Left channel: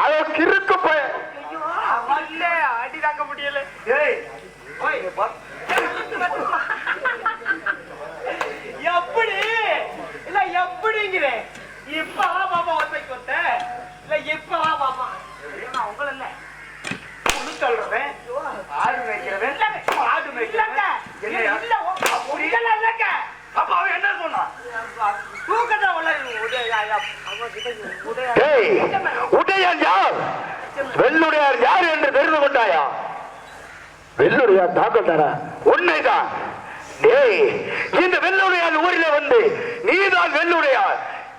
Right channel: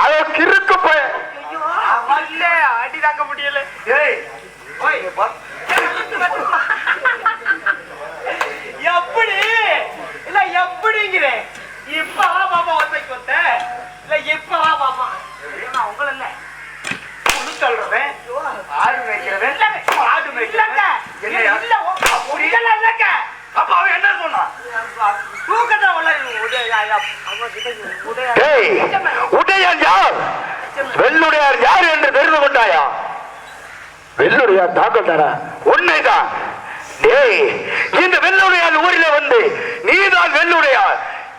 அதோ கிறுக்கு போய் அடி தாங்க முடியல. எப்படி இல்ல எப்படிங்கிற இப்ப மாமா ஒத்தைக்கு ஒத்த இல்ல இப்ப மாமா உங்கள இல்ல சொல்றேன் ஆடு மேய்க்கிறவன் ஆடு மேய்க்கிறவன் இல்ல அப்ப அவன் என்ன சொன்னான்? உடையார் யார், வெள்ளுடையார் யார் என்று தெரிந்து கொண்டாயா? வெள்ளுடையார் தாக்கல் தாரா? உண்மைதான். இந்த வெள்ளுடையார் ஊரில் வந்து நீதான் வெள்ளுடையார்.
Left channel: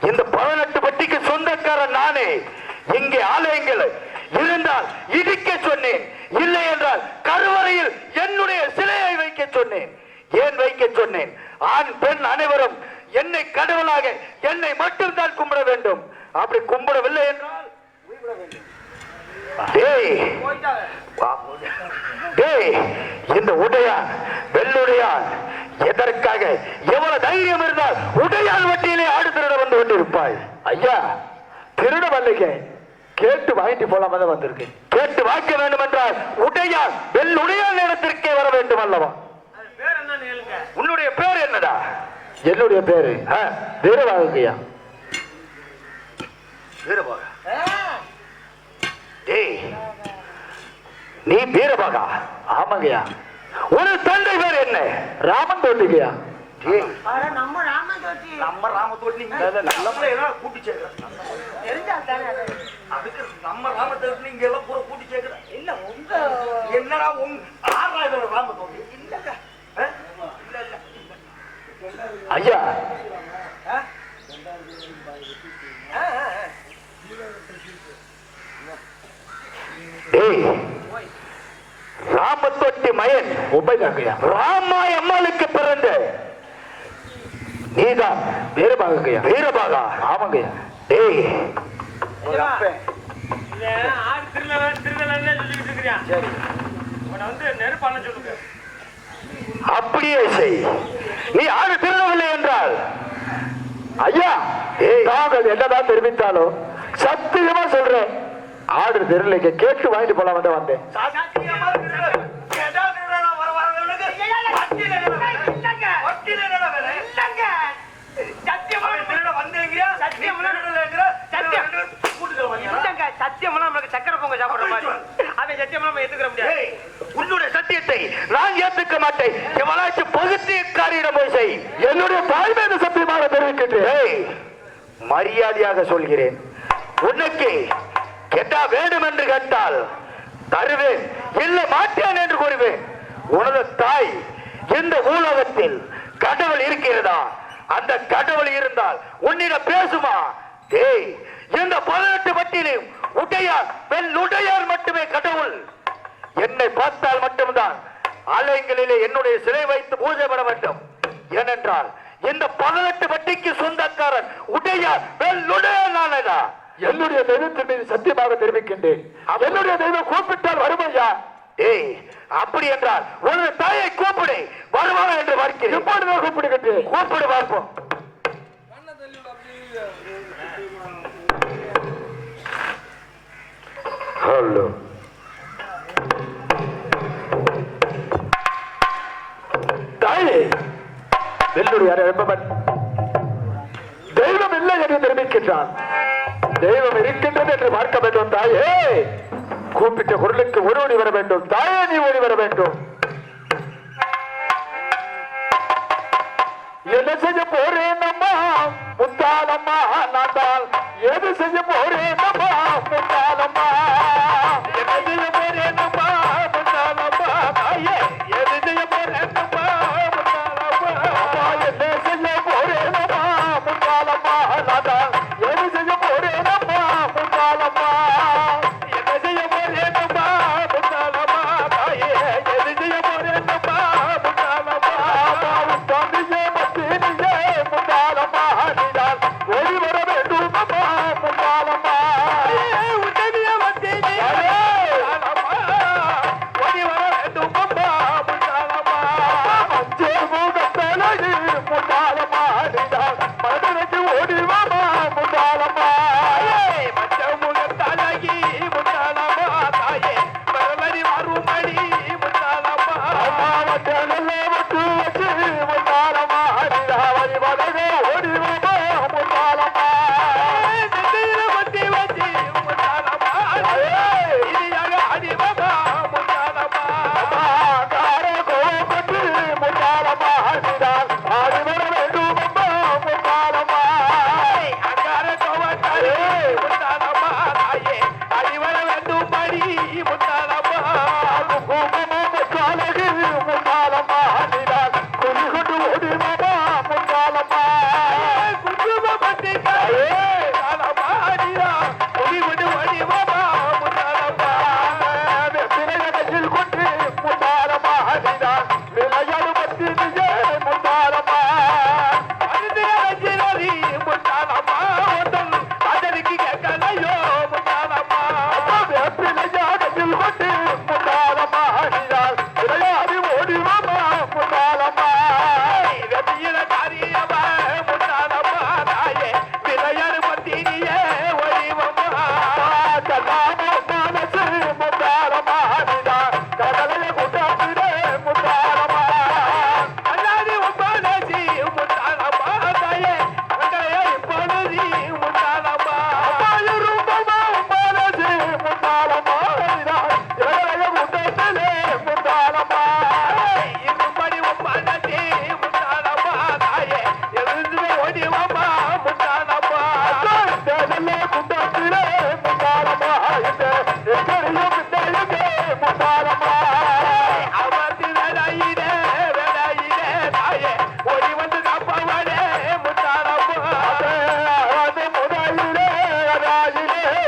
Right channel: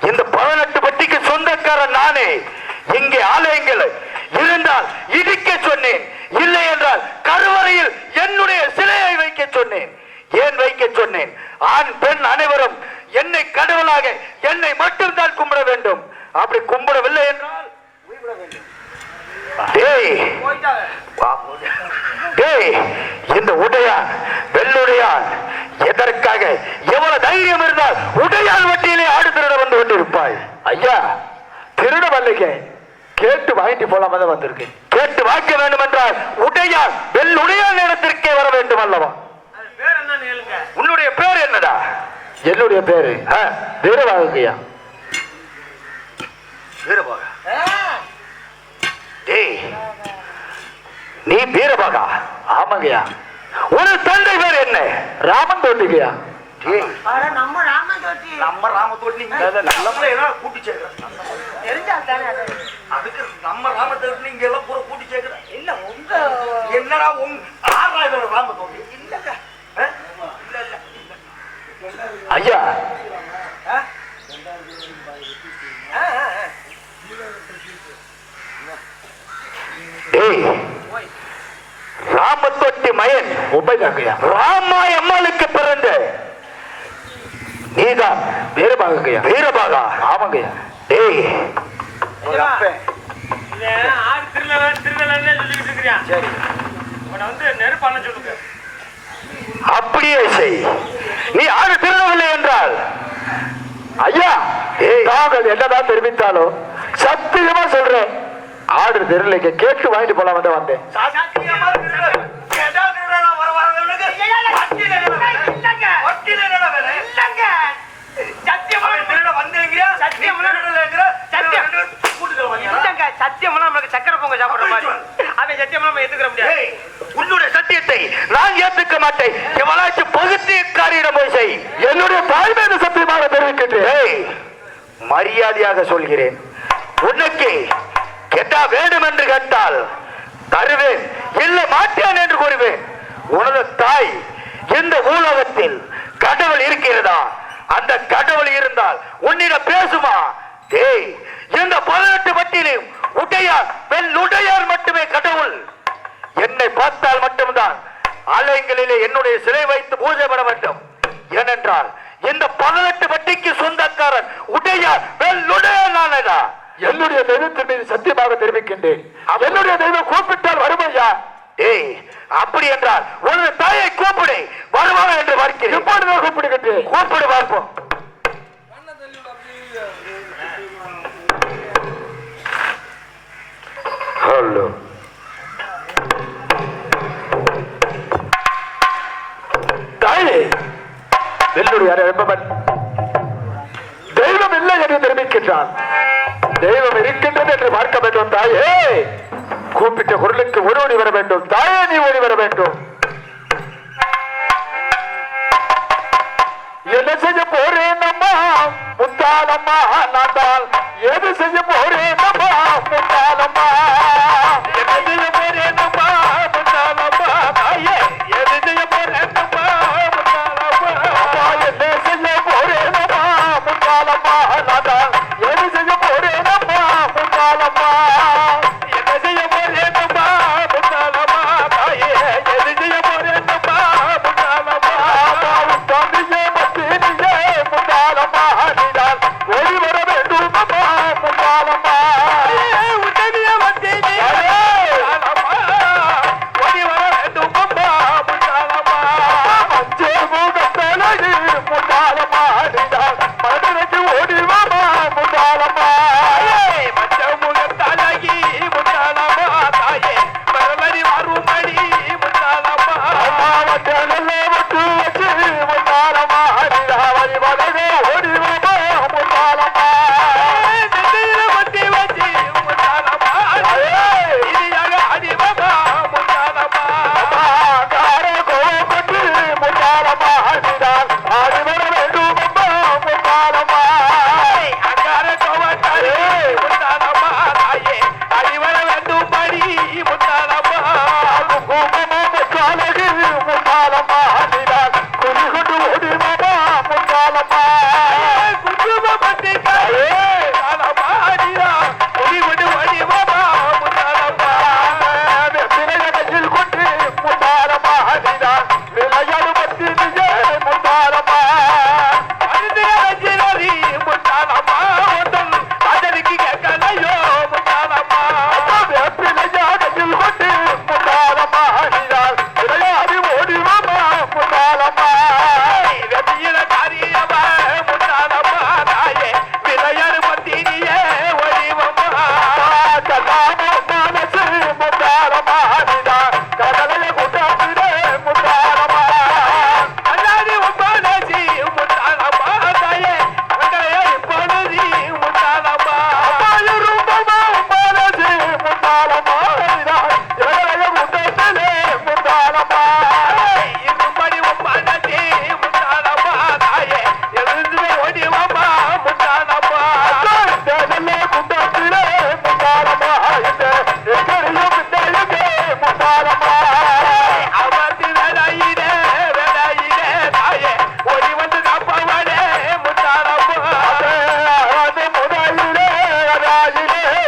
இந்த 18 பட்டிக்கு சொந்தக்காரன் நானே. இங்கே ஆலயங்கள் இருந்தால் இடிக்க சொன்னேன், இல்லை என்றால் கருவறையில் என்னுடைய சிலையை வைக்க சொன்னேன். ஏன் வைக்க சொன்னேன்? ஆண் பெண் அனைவரும் என்னை கடவுளாக என்னை மட்டும் தான் கும்பிட வேண்டும். அப்படி கும்பிடவில்லை என்றால் இந்த உடையான் வெள்ளுடையான் எதற்காக எவ்வளவு தைரியம் இருந்தால் உடையான் வட்டியிலே ஆடு திருட வந்து கொண்டிருப்பாய்? ஐயா, திருட வரலைங்க, கேட்டு வாங்கிட்டு போலாம தான் வந்திருக்கு. கேட்டு வாங்க வேண்டும் என்றால் உடையான் வெள்ளுடையான் இடத்திற்கே வர வேண்டும் அல்லவா? உன்னுடைய பேர் என்னடா? என்னுடைய பேரு வீரபாகையா. வீரபாக? நீ வீரபாகா? ஆமாங்கய்யா. ஒரு தந்தை பேர் என்ன? ராமன் தோட்டிங்கய்யா. நம்ம ராமன் தோட்டி கூட்டி சேர்க்கிறேன். அதுக்கு நம்ம ராம தோட்டி இங்க எல்லாம் பூரா கூட்டி சேர்க்கிறேன். இல்ல உங்க என்னடா உங்க ஆறாயிரம் ராம தோட்டி இல்லங்க. ஐயா, ராமத்தொட்டி மயன் ராமாய் அம்மாளுக்கு பிறந்த நீதான் வீரபாகையா? வீரபாகா? ஆமாங்கய்யா. அப்படியே செய். நீ ஆடு திருடவில்லை என்றால் ஐயா தாங்கள் என்னதான் தெரிவித்தாலும் சத்தியமா சொல்றேன், ஆடு திருடலைங்க. கேட்டு வாங்கிட்டு போலாம் வந்து வந்தேன். சக்கரை பொங்க சாப்பிடுற மாதிரி அவன் சத்தியம் ஏத்துக்கிற முடியாது. உன்னுடைய சத்தியத்தை நான் ஏத்துக்க மாட்டேன். எவளாச்சும் பகுதிக்காரியிடம் போய் செய். என்னுடைய தாய்மையை சத்தியமாக தெரிவிக்கின்றேன். மரியாதையாக சொல்கிறேன். உனக்கு கேட்டா வேண்டும் என்று கேட்டால் தருவேன், இல்லை மாட்டேன் என்று கூறுவேன். உனது தாய் இந்த உலகத்தில் கடவுள் இருக்கிறதா? அந்த கடவுள் இருந்தால் உன்னிடம் பேசுமா? இந்த 18 பட்டியிலும் உடையார் வெள்ளுடையார் மட்டுமே கடவுள். என்னை பார்த்தால் மட்டும்தான் ஆலயங்களிலே என்னுடைய சிலை வைத்து பூஜை பண்ண வேண்டும். ஏனென்றால் இந்த 18 பட்டிக்கு சொந்தக்காரன் உடையார் வெள்ளுடையார் நானடா. என்னுடைய தெய்வத்தின் மீது சத்தியமாக தெரிவிக்கின்றேன். என்னுடைய தெய்வம் கூப்பிட்டால் வருமையா? அப்படி என்றால் உனது தாயை கூப்பிடு, வருவாங்க என்று பார்க்கிறேன். எப்பொழுது கூப்பிடுகின்றேன்? கூப்பிடு பார்ப்போம். ஹலோ, தாயே வெள்ளுடையார் என்பவன் தெய்வம் இல்லை என்று தெரிவிக்கின்றான். தெய்வம் இருக்கின்றது என்று பார்க்க வேண்டும். தாயே, கூப்பிட்ட குரலுக்கு ஓடி வர வேண்டும். தாயே, நீ ஓடி வர வேண்டும். என்ன செய்ய போறேன் அம்மா முத்தாலம்மா? நான் தான் எது செய்ய போறேன் அம்மா முத்தாலம்மா? என்ன செய்ய போறேன் அம்மா முத்தாலம்மா? தாயே, எது செய்ய போறேன் அம்மா முத்தாலம்மா? என்ன செய்ய போறேன் அம்மா முத்தாலம்மா? நான் தான் எது செய்ய போறேன் அம்மா முத்தாலம்மா? என்ன செய்ய போறேன் அம்மா முத்தாலம்மா? தாயே, எது செய்ய போறேன் அம்மா முத்தாலம்மா? தந்தையே மத்தியே முத்தாலம்மா, நீதான் ஓடி வர வேண்டும் அம்மா முத்தாலம்மா. உடனே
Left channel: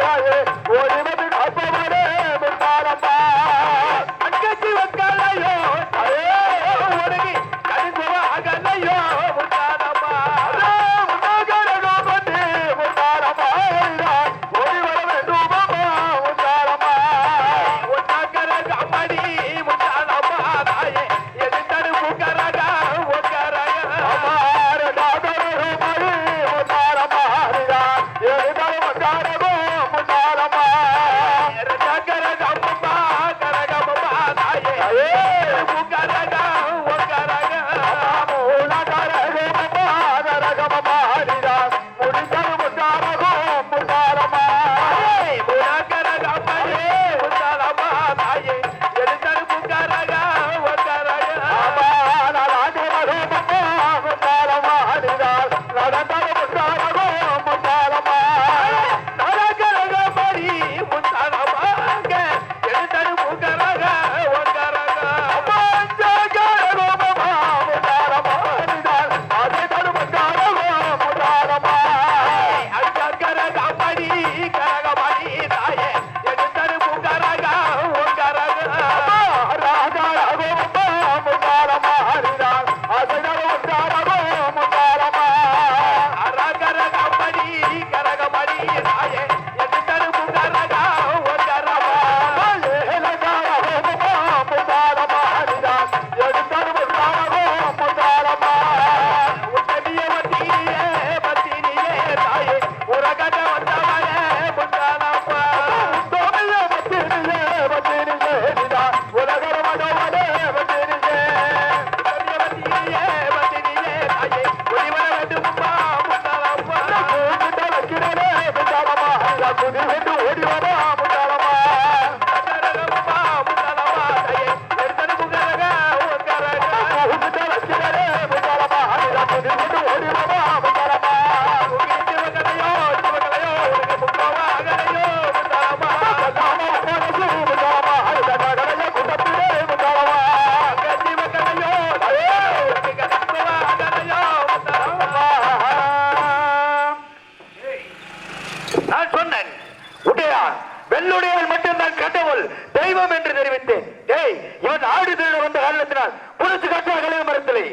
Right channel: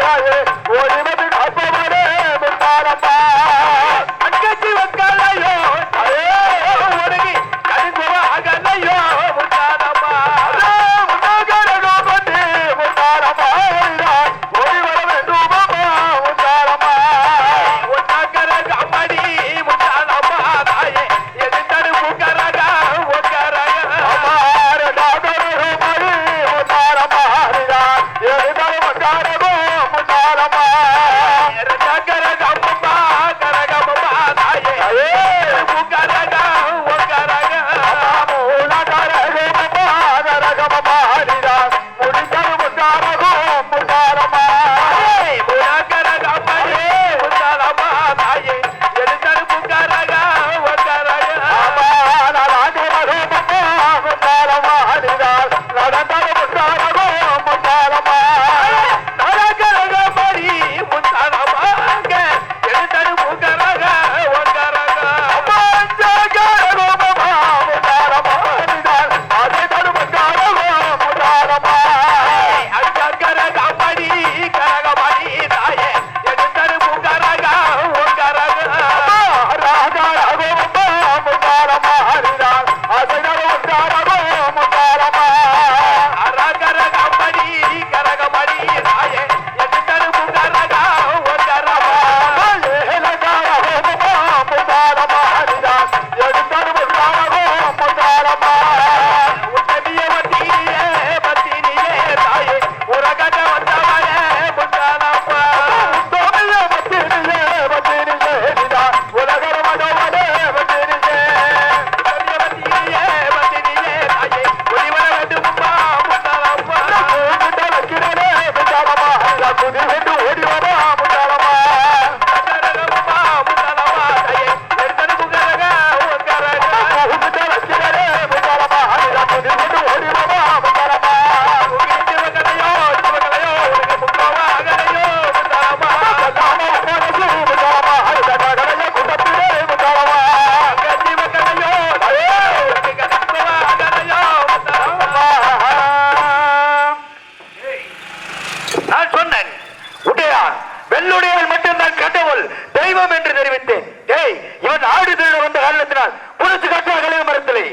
தாயே ஓடிவது காப்பவரே முத்தாரம்மா அங்கச்சி வக்காலையோ ஒடுங்கி கரிந்துவாகலையோ முத்தாரம்மா முன்னாகரோ வந்து முத்தாரம்மா ஓடி வர வேண்டும் முத்தாரம்மா ஒன்னாகர கம்மடி முத்தாரம்மா தாயே எது தடுப்பு கரக ஒக்கரக அமார தாதரோ மறு முத்தாரம்மா எது முத்தாரமோ முத்தாரம்மா ரஜகர கம்மம்மா கரகம்மா தாயே முக்கரக ஒக்கரக மூலகர கம்மம்மா கரகம்மா முடிக்கரு முத்தாரகோ முத்தாரம்மா மூலகர கம்மடி முத்தாரம்மா தாயே எது தடுப்பு கரக ஒக்கரக அமார ராஜமரோ முத்தாரம்மா நடந்தர முத்தாரகோ முத்தாரம்மா நரகரக படி முத்தாரம்மா எது தடுப்பு கரக ஒக்கரக அமாஞ்சகரோ முத்தாரம்மா அது தடுப்பு கரக முத்தாரம்மா அங்கர கபடி கரகபடி தாயே எது தடுப்பு கரக ஒக்கரக ராஜா ரகோ முத்தாரம்மா அது தடுப்பு கரக முத்தாரம்மா அரகர கபடி கரகபடி தாயே எது தடுப்பு கரக ஒக்கரக முத்தாரம்மா எது தடுப்பு கரக முத்தாரம்மா உத்தமிய வத்தினியே வத்தினியே தாயே உரகத வந்தவளே முத்தாரம்மா உத்தமிய வத்தினியே வத்தினியே உலகர வந்தவளே வத்தினியே உத்தமிய வத்தினியே வத்தினியே தாயே ஒளிவர வேண்டும்மா முத்தாரம்மா கூட்ட வைக்கிறனே முத்தாரம்மா குதி விட்டு ஓடி வரா முத்தாரம்மா கரகம்மா முத்தாரம்மா தாயே எர்தனு கரக ஒக்கரக கூட்ட வைக்கிறனே முத்தாரம்மா குதி விட்டு ஓடி வரா முத்தாரம்மா உகிட்டு வகலையோ உனக்கு முக்கவா அகலையோ முத்தாரம்மா கதாமா போனது முத்தாரம்மா கதகலையோ குட்டப்பிலே முத்தாரம்மா கதி வகலையோ உனக்கு கதகவா அகலையோ முத்தாரம்மா நான் சொன்னேன் உடையான் வெள்ளுடையால் மட்டும்தான் கடவுள் தெய்வம் என்று தெரிவித்தேன். டேய் இவன் ஆடு திருட வந்த காரணத்தினால் புடிச்சு கட்டுவா கழிவு மரத்திலே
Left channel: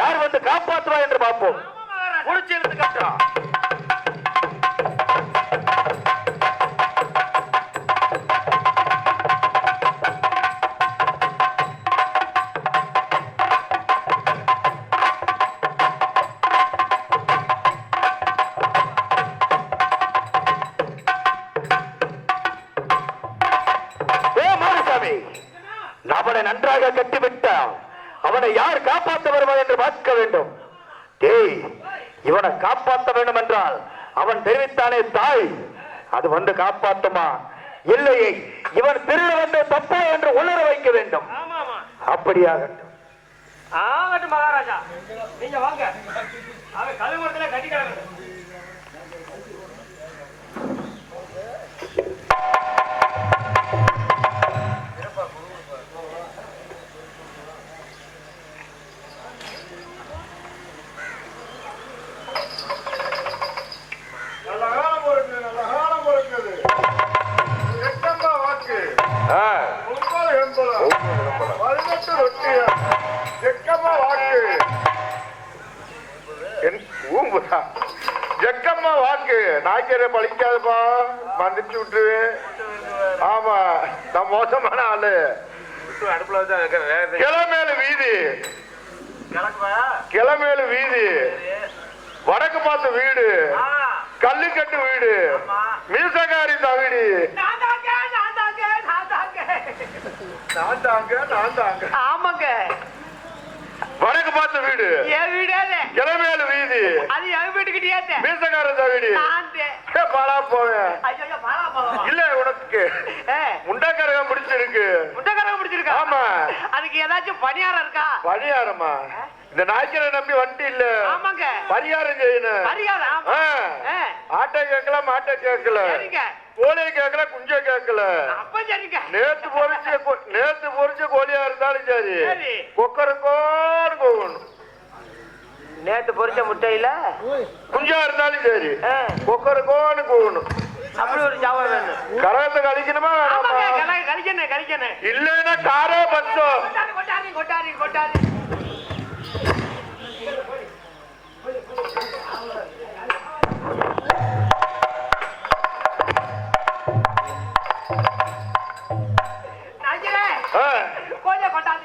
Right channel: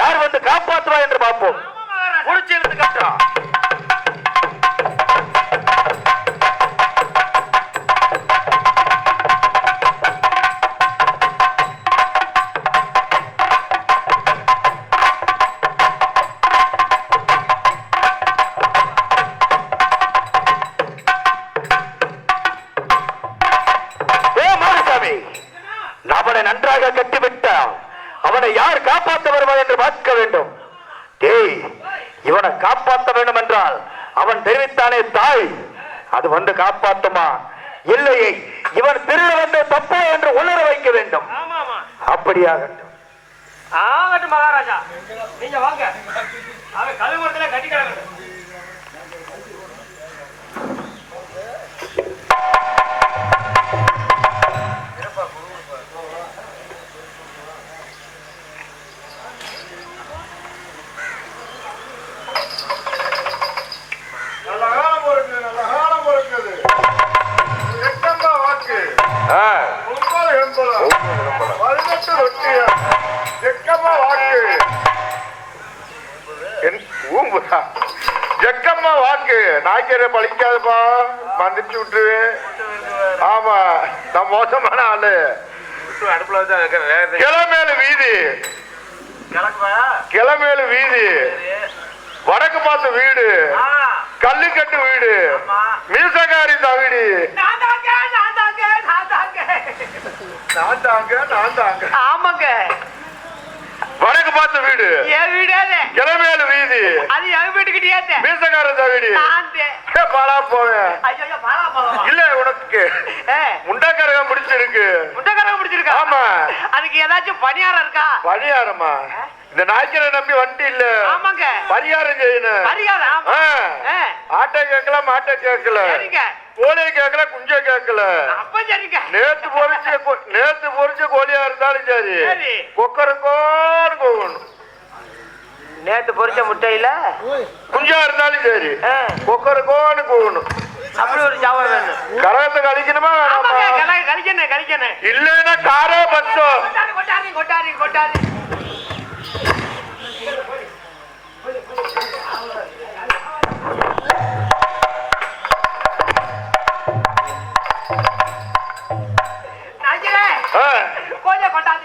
யார் வந்து காப்பாற்றுவா என்று பார்ப்போம். புடிச்சு எடுத்து கட்டுறா மாரிசாமி அவனை நன்றாக கட்டிவிட்டான். அவனை யார் காப்பாற்ற வருவார் என்று பார்க்க வேண்டும். டேய் இவனை காப்பாற்ற வேண்டும் என்றால் அவன் தெரிவித்தானே தாய் அது வந்து காப்பாற்றுமா இல்லையே இவன் திருட வந்த தப்பா என்று உணர வைக்க வேண்டும். அப்படியாகட்டும். ஆகட்டும் மகாராஜா, நீங்க வாங்க. அவன் கழுவுறதுல கட்டி கிடக்கட்டும். ஜக்கம்மா வாக்கு நாய்க்கரை பழிக்காதப்பா மந்திச்சு விட்டுருவேன். ஆமா நான் மோசமான ஆளு. அடுப்புல வச்சு கிளமேலு வீதி கிளமேலு வீதி வடக்கு பார்த்த வீடு கல்லுக்கட்டு வீடு மீசகாரி தவிடி நான் தாங்க ஆமாங்க வடக்கு பார்த்த வீடு என் வீடாது கிளமேலு வீதி அது என் வீட்டுக்கிட்டே மீசகார தவிடி பாலா போவேன் இல்ல உனக்கு முண்டக்கரகம் பிடிச்சிருக்கு. முட்டக்கரகம் பிடிச்சிருக்கா? ஆமா. அதுக்கு ஏதாச்சும் பணியாரம் இருக்கா? பணியாரமா? இந்த நாய்க்கரை நம்பி வண்டி இல்ல. ஆமாங்க. பரிகாரம் செய்யணும். பரிகாரம் ஆட்டை கேட்கல மாட்டை கேட்கல கோழியை கேட்கல குஞ்சை கேட்கல. அப்ப சரிங்க. நேத்து பொறிச்ச கோழியா இருந்தாலும் சரி கொக்கருக்கோன்னு போகணும். நேத்து பொறிச்ச முட்டையில குஞ்சா இருந்தாலும் சரி கொக்கருக்கோன்னு போகணும். அப்படி ஒரு சாவ வேணும். கரகத்தை கழிக்கணுமா வேணாமா? கழிக்கணும். இல்லைன்னா காரே பஞ்சம். கொட்டாரி.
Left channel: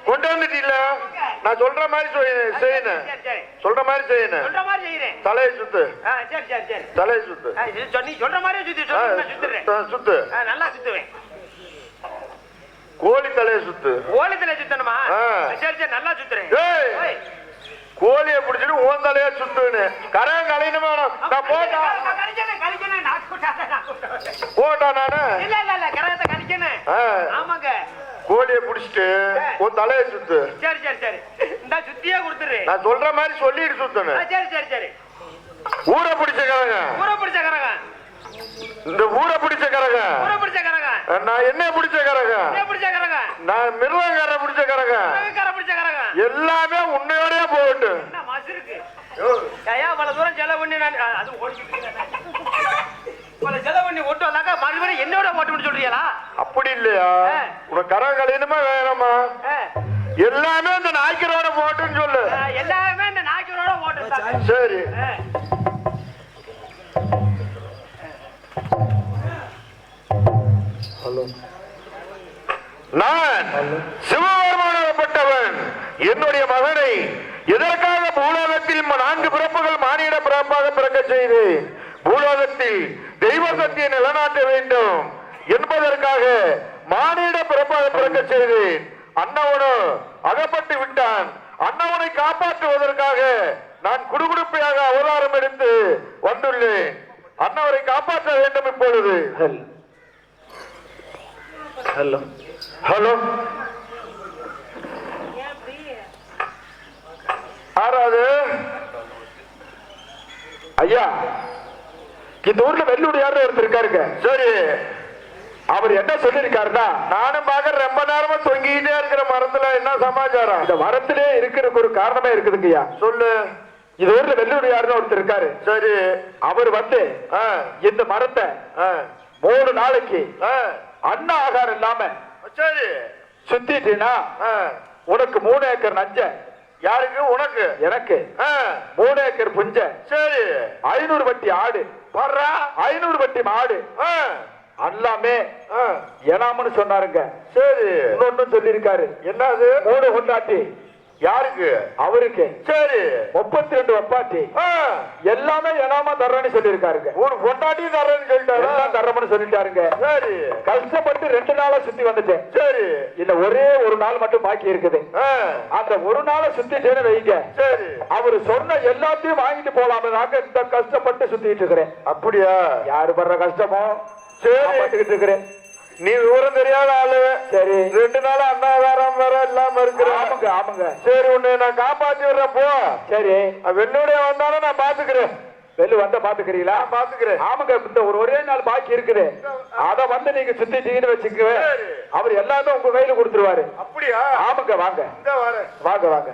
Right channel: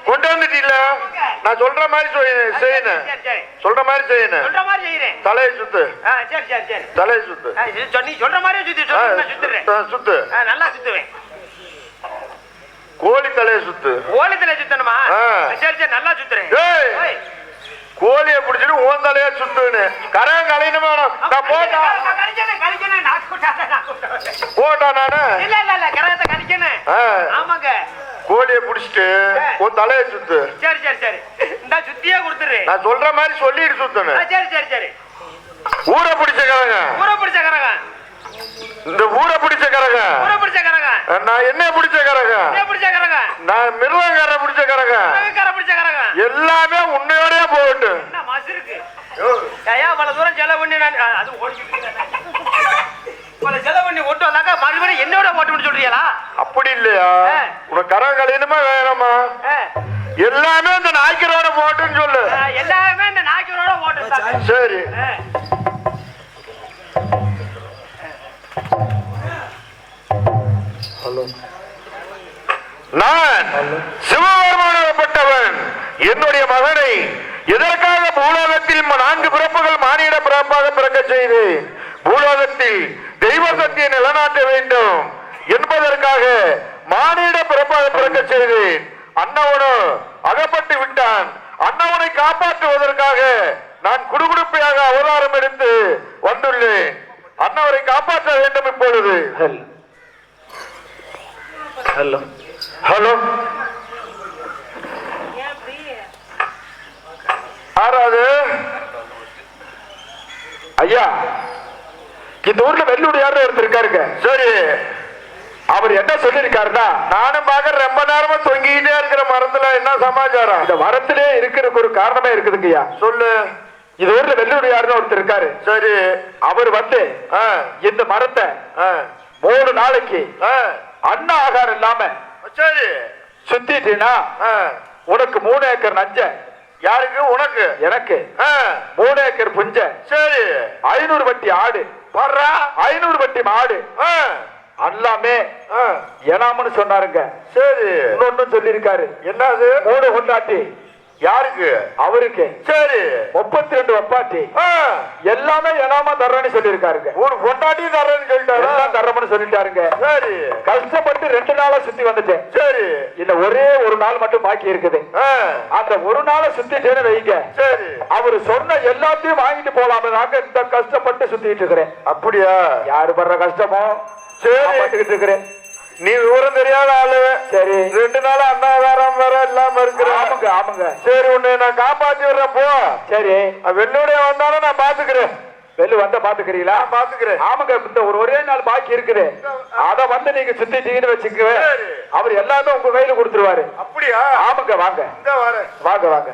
கொண்டு வந்துட்டீல, நான் சொல்ற மாதிரி செய்யணும். சொல்ற மாதிரி செய்யணும். தலையை சுத்து. தலையை சுத்து. நீ சொல்ற மாதிரி சுத்து. நல்லா சுத்துவேன். கோழி தலையை சுத்து. கோழி தலையை சுத்தணுமா? சரி நல்லா சுத்துறேன். கோழியை பிடிச்சிட்டு ஓன் தலையா சுத்துன்னு கரகம் கலையணுமா? நான் போட்டா நானு இல்ல கரகத்தை கழிக்கணும். ஆமாங்க. கோழியை பிடிச்சிட்டு உன் தலையை சுத்து. சரி இந்த சுத்தியே கொடுத்துரு. நான் சொல்ற மாதிரி சொல்லிட்டு சுத்தணும். சரி ஊரை பிடிச்ச கரகம். இந்த ஊரை பிடிச்ச கரகம். நான் என்ன பிடிச்ச கரகம். நான் மிருகக்கார பிடிச்ச கரகம். எல்லாமே உன்னையோடய போகட்டு. பல தூரம் செலவு பண்ணி நான் அது செலவு பண்ணி ஓட்டு வந்தாக்கா மறுபடியும் என்னோட ஓட்டு சொல்றீங்களா? அப்படி இல்லையா? உனக்கு கரகம் கலையணுமா வேணாமா? எல்லாமே இந்த நாய்க்கரோட போட்டுன்னு சொல்லு. எல்லாமே இந்த நாய்க்கரோட ஓட்டு. சரி. நான் சிவபெருமானப்பட்டவன் என்னுடைய மகனை எதற்காக பூலோகத்தில் 4 பிறப்புகள் மானிட பிறப்பாக பிறக்க செய்து பூலோகத்தில் தெய்வ சக்தியை நிலநாட்ட வேண்டும் என்பதற்காக மானிட பிறப்பாக பிறக்க செய்து அன்னவனு அகப்பட்டு விட்டான். அன்னவனை காப்பாற்றுவதற்காக நான் குடுகுடுப்பையாக அவதாரம் எடுத்து வந்துள்ளேன். அன்னவரை காப்பாற்ற வேண்டும். இப்பொழுது ஹலோ ஆறாவது ஐயா, இந்த ஊர்ல வெள்ளுடையார் ஒருத்தர் இருக்காருங்க. சரி, அவர் என்ன சொல்லிருக்காருன்னா, நானும் பார்க்க ரொம்ப நேரமா தொங்கிட்டே இருக்கிற மரத்துல என்ன சமாச்சாரம்? இந்த மரத்திலே இருக்கிறதுக்கு ஒரு காரணமே இருக்குதுங்கய்யா. சொல்லு. இது ஊர்ல வெள்ளுடையாருன்னு ஒருத்தர் இருக்காரு. சரி, அவர் வந்து இந்த மரத்தை 3 நாளைக்கு அண்ணா ஆகாரம் இல்லாம சரி சுத்திட்டீனா உனக்கு 3 ஏக்கர் நஞ்ச. யாருக்கு? உனக்கு. எனக்கு 3 ஏக்கர் புஞ்ச. சரி, 500 வட்டி ஆடு. 500 வட்டி மாடு எல்லாமே ஏனாமனு சொன்னாருங்க. சரி, இன்னொன்னு சொல்லிருக்காரு. என்னது? 3 கொண்டாட்டி. யாருக்கு? அவருக்கு. சரி, 32 வப்பாட்டி. எல்லாமே ஏனாம தர்றேன்னு சொல்லிருக்காருங்க. 3 கொண்டாட்டி தர்றேன்னு சொல்லிட்டாரு. எல்லாம் தர்றோம்னு சொல்லிட்டாருங்க. சரி, கஷ்டப்பட்டு 2 நாளா சுத்தி வந்துட்டேன். சரி, இல்ல ஒரே ஒரு நாள் மட்டும் பாக்கி இருக்குது. அந்த ஒரு நாளை சுத்திட்டேன்னு வைங்க. சரி, அவரு சொன்ன எல்லாத்தையும் வாங்கிட்டு போலாம இந்த கஷ்டப்பட்டு சுத்திட்டு இருக்கிறேன். அப்படியா? யாரு படுற கஷ்டமோ சரி இருக்கிறேன். நீ விவரம் தெரியாத ஆளு. சரி, 2 நாள் அன்னாதாரம் வேற இல்லாம இருக்கிற. ஆமாங்க. சரி, உன்னை நான் காப்பாத்தி விடுறேன் போ. சரி, வெள்ளுடைய வந்தாலும் நான் பாத்துக்கிறேன். வெள்ளு வந்த பாத்துக்கிறீங்களா? பாத்துக்கிறேன். ஆமாங்க, இந்த ஒரே நாள் பாக்கி இருக்குது. அத வந்து நீங்க சுத்திட்டீங்கன்னு வச்சுக்க, அவர் எல்லாமே உங்க கையில கொடுத்துருவாரு. அப்படியா? ஆமாங்க. வாங்க வாங்க.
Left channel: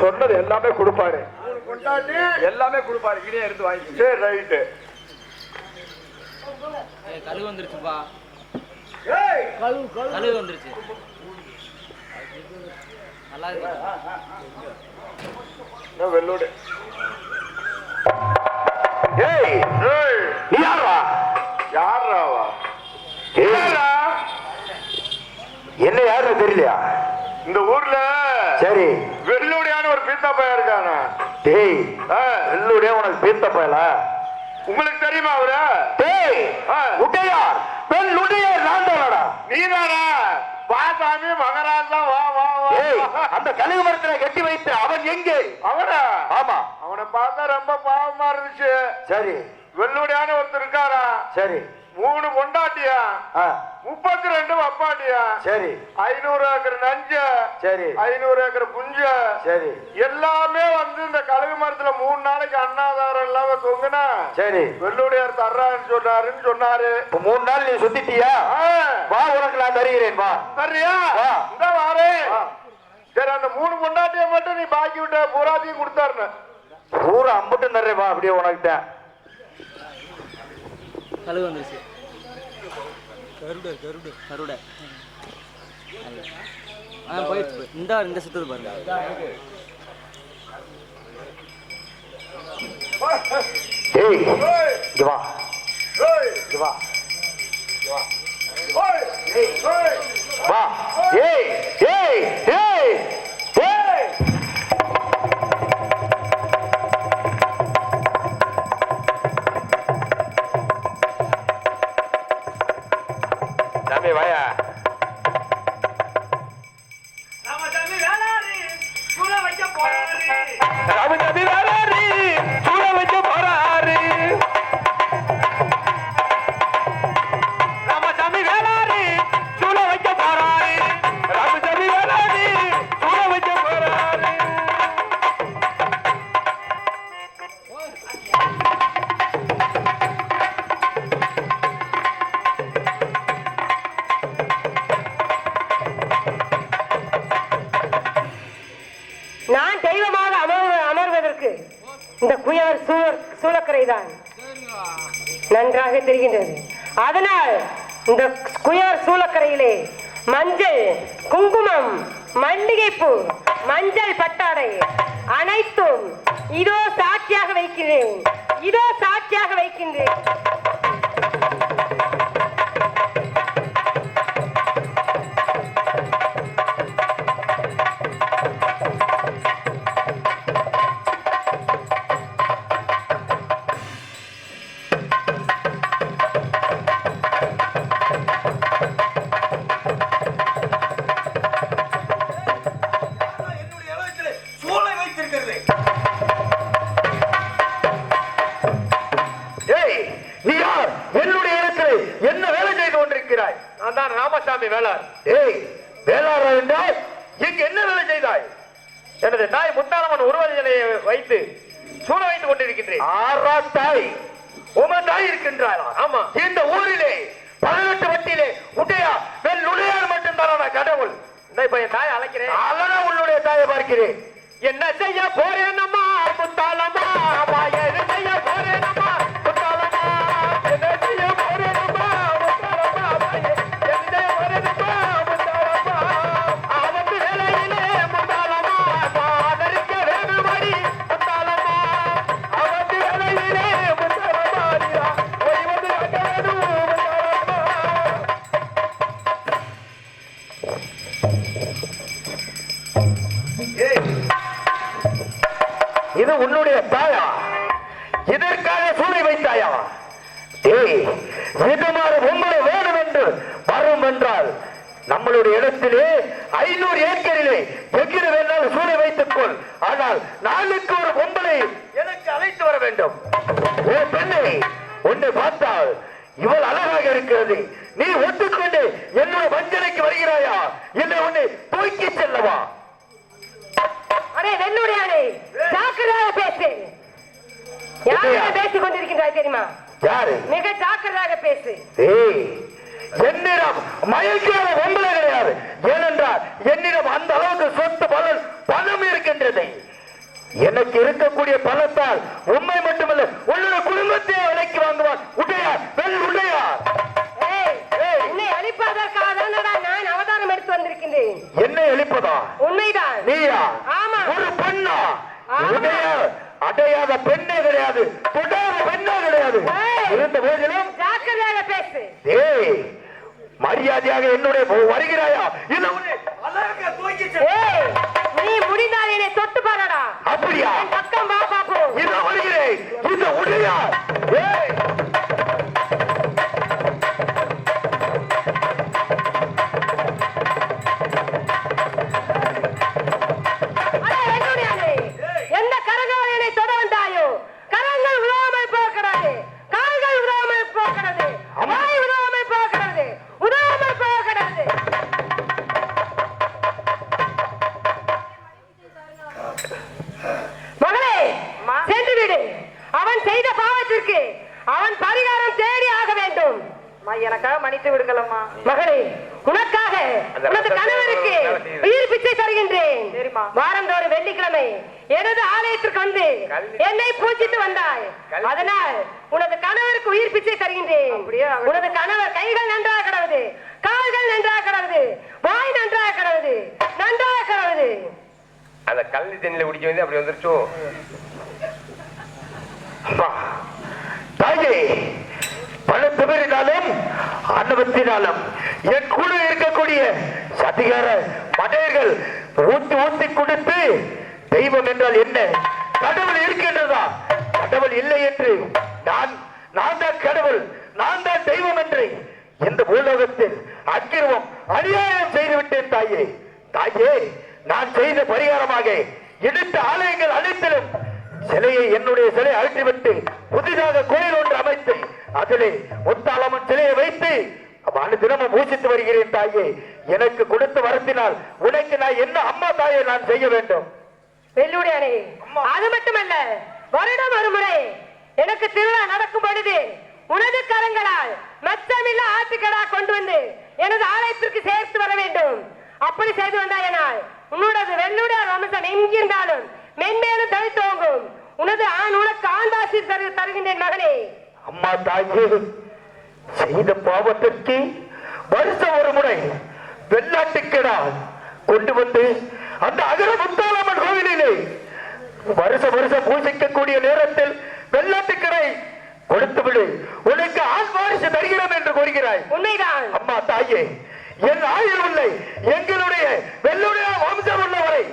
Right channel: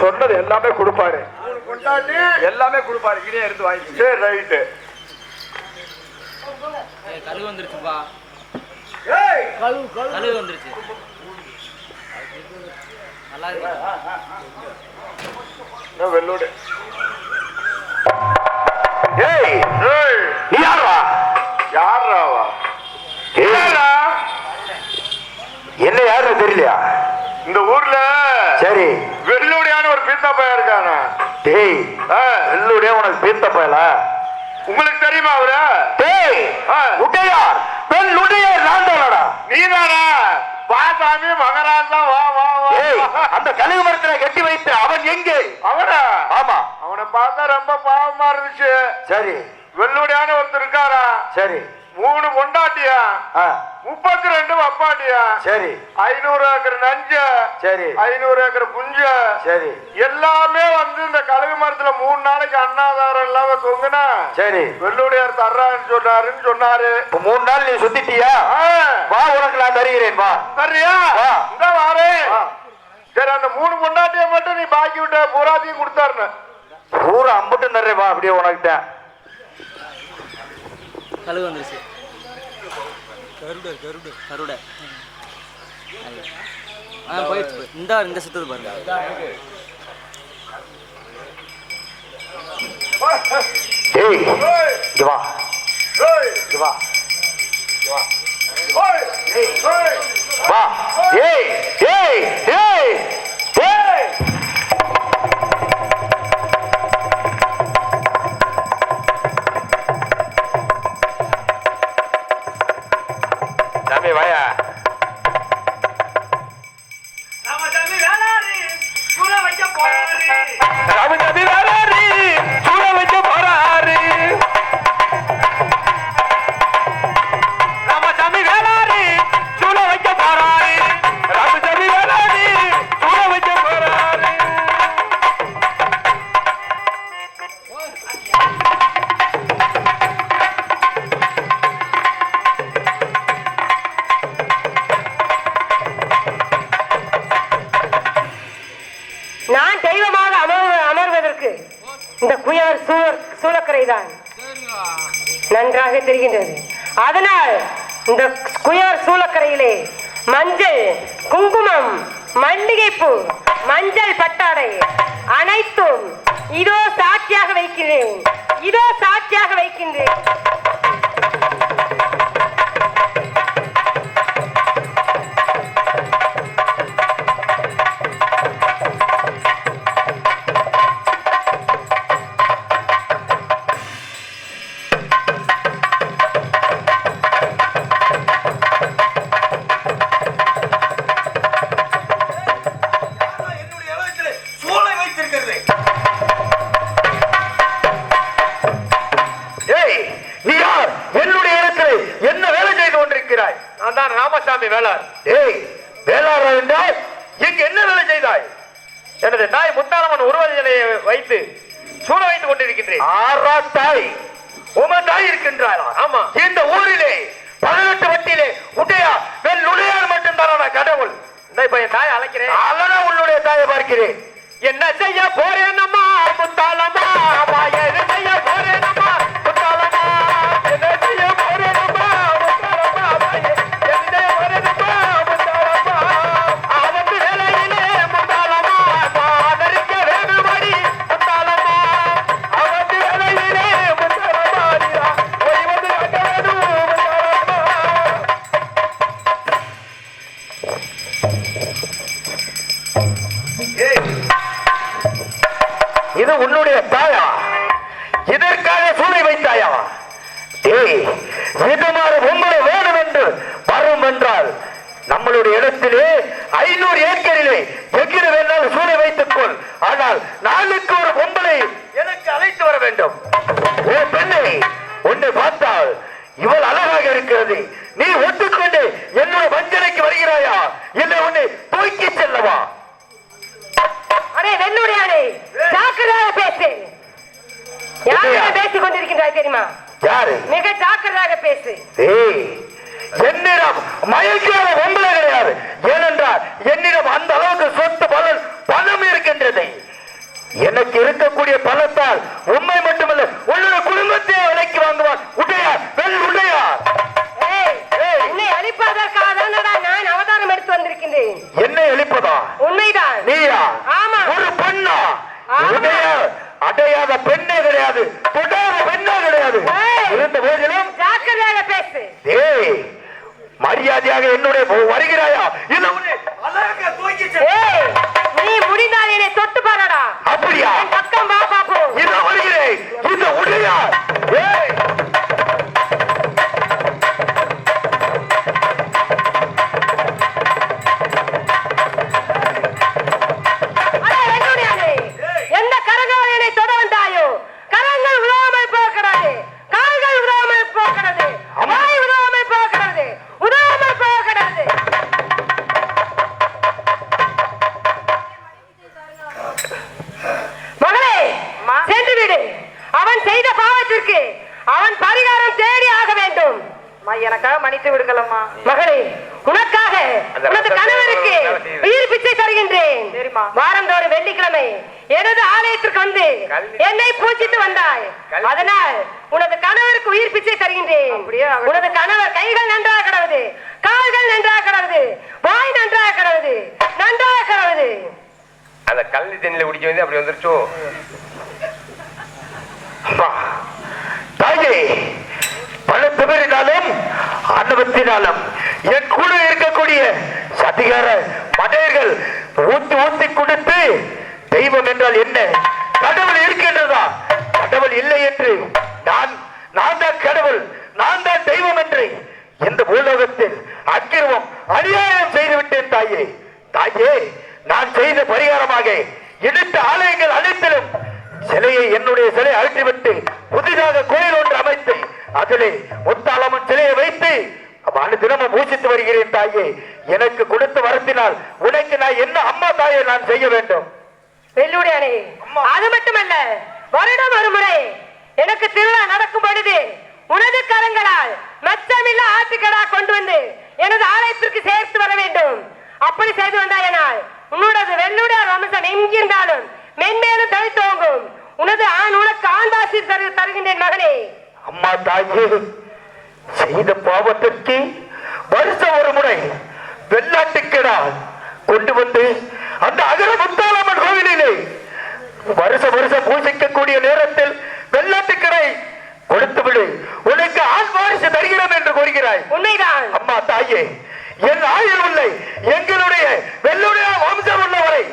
சொன்னது எல்லாமே கொடுப்பாரு. எல்லாமே கொடுப்பாரு. இனே இருந்து வாங்கி. சரி, ரைட்டு. கழுகு வந்துருச்சுப்பா. கழுகு வந்துருச்சு. நல்லா இருக்கு. வெள்ளோடு. ஏய், நீ யாரா? யாராவா? என்ன யாருன்னு தெரியலையா இந்த ஊர்ல? சரி, வெள்ளுடையான ஒரு பீத்த பையன் இருக்காங்க. டேய், வெள்ளுடைய உனக்கு பீத்த பயல உங்களுக்கு தெரியுமா அவரு? டேய், உடையார் வெள்ளுடைய நான்தானடா. நீதானா? பாசாமி மகராஜா. வா வா வா. அந்த கழுகு மரத்துல கட்டி வைத்து அவன் எங்கே? அவனா? ஆமா, அவனை பார்த்தா ரொம்ப பாவமா இருந்துச்சு. சரி, வெள்ளுடையான ஒருத்தர் இருக்காரா? சரி, 3 பொண்டாட்டியா, 32 அப்பாட்டியா, சரி 500 ஏக்கர் நஞ்ச, சரி 500 ஏக்கர் புஞ்ச, சரி எல்லாமே வந்து இந்த கழுகு மரத்துல 3 நாளைக்கு அன்னாதாரம் இல்லாம தொங்குனா சரி வெள்ளுடையார் தர்றாருன்னு சொன்னாரு. இப்ப 3 நாள் நீ சுத்திட்டியா? வா உனக்கு நான் தருகிறேன். வா சரியா? இந்த வாரே. சரி அந்த 3 பொண்டாட்டிய மட்டும் நீ பாக்கி விட்ட பூராத்தையும் கொடுத்தாருன்னு. பூரா அம்பட்டும் தர்றேன். வா அப்படியே உனக்கிட்ட கழுகு வந்துருச்சு. கருட போயிடுச்சு. இந்த சுத்தது பாருங்க. ஏய் இங்க வா, இங்க வா, வா. ஏய் ஏய் ஏய் ஏய் சாமி வாயா. ராமசாமி வேளாறு சூழ வைக்க போறாரு. ராமசாமி வேளாறு சூழ வைக்க போறாரு. ராமசாமி வேளாறு சூழ வைக்க போறாரு. ராமசாமி வேளாறு சூழ வைக்க போறாரு. நான் தெய்வமாக அமர்வதற்கு இந்த குயவர் சூளக்கரை தான் நன்றாக தெரிகின்றது. அதனால் இந்த குயவர் சூளக்கரையிலே மஞ்சள், குங்குமம், மல்லிகைப்பூ, மஞ்சள் பட்டாடை அனைத்தும் இதோ சாட்சியாக வைக்கிறேன். இதோ சாட்சியாக வைக்கின்றேன். என்னுடைய இடத்துல சூளை வைத்திருக்கிறது. ஏய் நீ யார்? என்னுடைய இடத்தில் என்ன வேலை செய்து கொண்டிருக்கிறாய்? நான் தான் ராமசாமி வேளார். ஏய் வேளார் என்றால் இங்கு என்ன வேலை செய்தாய்? எனது தாய் முத்தாரம்மன் உருவநிலையை வைத்து சூழ வைத்துக் கொண்டிருக்கின்றேன். ஆறா தாய்? உமது தாய் இருக்கின்றாரா? ஆமா. இந்த ஊரிலே 18 வட்டியிலே உடையா வெள்ளுடையார் மட்டும்தான் கடவுள். இப்ப என் தாயை அழைக்கிறேன். அவனா உன்னுடைய தாயை பார்க்கிறேன். என்ன செய்ய போறேன் அம்மா முத்தாலம்மா? என்ன செய்ய போறேன் அம்மா முத்தாலம்மா? என்ன செய்ய போறேன் அம்மா முத்தாலம்மா? என்ன செய்ய போறேன் அம்மா முத்தாலம்மா? அவத்து வேலையிலே முத்தாலம்மா ஆதரிக்க வேணுமடி முத்தாலம்மா. அவத்து வேலையிலே முத்தாலம்மா ஓய்வது காட்ட வேணும் முத்தாலம்மா. இது உன்னுடைய தாயா? இதற்காக சூளை வைத்தாயா? ஏய் இதுமாறு பொம்பளை வேணும் என்று வரும் என்றால் நம்மளுடைய இடத்திலே 500 ஏக்கரிலே எங்கிற வேணாலும் சூளை வைத்துக் கொள். ஆனால் நாளுக்கு ஒரு பொம்பளை எனக்கு அழைத்து வர வேண்டும். ஓ பெண்ணை, உன்னை பார்த்தால் இவள் அழகாக இருக்கிறது. நீ ஒட்டுக்கொண்டு என்னுடைய வஞ்சனைக்கு வருகிறாயா? இல்லை உன்னை தூக்கி செல்லவா? அடே வெள்ளுடையானே, ஜாக்கிரதையாக பேசு. யாரிடம் பேசிக் கொண்டிருக்கின்றாய் தெரியுமா? யாரு? மிக ஜாக்கிரதையாக பேசு. ஏய் என்னிடம் மயக்காத பொம்பளை கிடையாது. ஏனென்றால் என்னிடம் அந்த அளவுக்கு சொத்து பணம் இருக்கின்றது. எனக்கு இருக்கக்கூடிய பணத்தால் உண்மை மட்டுமல்ல உன்னுடைய குடும்பத்தை விலைக்கு வாங்குவான் உடையார் உடையார். என்னை அழிப்பதற்காக நான் அவதாரம் எடுத்து வந்திருக்கின்றேன். என்னை அழிப்பதா? உண்மைதான். நீயா? ஆமா. ஒரு பெண்ணா? உடையார் அடையாத பெண்ணே கிடையாது, தொடாத பெண்ணே கிடையாது. இருந்த போதிலும் ஜாக்கிரதையாக பேசு. ஏய் மரியாதையாக என்னுடைய வருகிறாயா? இல்லை உன்னை அழகா தூக்கி ஏய், நீ முடிந்தால் என்னை தொட்டு பாருடா. அப்படியா? என் பக்கம் வா பாப்போம். இந்த வருகிறேன். இந்த உடையார். ஏய் அடே வெள்ளுடையானே, எந்த கரங்கள் என்னை தொட வந்தாயோ கரங்கள் விழாமல் போகிறது, கால்கள் விழாமல் போகிறது, வாய் மன்னித்து விடுங்களம்மா. மகளே, உனக்காக உனது கணவருக்கு உயிர் பிச்சை தருகின்றேன். வாரந்தோறும் வெள்ளிக்கிழமை எனது ஆலயத்திற்கு வந்து என்னை பூஜித்து வந்தாய். அதனால் உனது கணவருக்கு உயிர் பிச்சை தருகின்றேன். உனது கணவர் கைகள் நன்றாக கிடவது, கால்கள் நன்றாக கிடவது, வாய் நன்றாக கிடவது, நன்றாக கிடவது. அந்த கல்வி தண்ணியில குடிக்க வந்து அப்படி வந்துருச்சோ. தாயே, பணத்தினாலும் அன்னவத்தினாலும் என் கூட இருக்கக்கூடிய சதிகார மடையர்கள் ஊத்தி ஊத்தி கொடுத்து தெய்வம் என்றால் என்ன, கடவுள் இருக்கின்றதா, கடவுள் இல்லை என்று நான் தான் கடவுள், நான் தான் தெய்வம் என்று இந்த பூலோகத்தில் அக்கிரமம் அநியாயம் செய்துவிட்டேன் தாயே. தாயே, நான் செய்த பரிகாரமாக இடித்த ஆலயங்கள் அனைத்திலும் சிலையை, என்னுடைய சிலை அகற்றிவிட்டு புதிதாக கோயில் ஒன்று அமைத்து அதிலே முத்தாளம்மன் சிலையை வைத்து தினமும் பூஜித்து வருகிறேன் தாயே. எனக்கு கொடுத்து வரத்தினால் உனக்கு நான் என்ன அம்மா தாயை நான் செய்ய வேண்டும்? வெள்ளுடையானே, அது மட்டுமல்ல, வருடம் ஒரு முறை எனக்கு திருவிழா நடக்கும் பொழுது உனது கரங்களால் மச்சமில்ல ஆட்டுக்கடா கொண்டு வந்து எனது ஆலயத்திற்கு சேர்த்து வர வேண்டும். அப்படி செய்து வந்தாயனால் உன்னோடது வெள்ளுடையார் வம்சம் எங்கிருந்தாலும் மென்மேலும் தனித்தோங்கும். உனது உனக்கு ஆண்டாசி தருகின்றேன் மகனே. அம்மா தாயே, செய்த பாவத்திற்கு வருஷம் ஒரு முறை வெள்ளாட்டுக்கடா கொண்டு வந்து அந்த அகர முத்தாளம்மன் கோவிலிலே வருஷம் பூஜிக்கக்கூடிய நேரத்தில் வெள்ளாட்டுக்கடை கொடுத்து விடு, உனக்கு ஆண் வாரிசு தருகிறோம் என்று கூறுகிறாய். உண்மைதான் அம்மா தாயே, என் ஆயுள் இல்லை, எங்களுடைய வெள்ளுடைய வம்சம் உள்ளவரை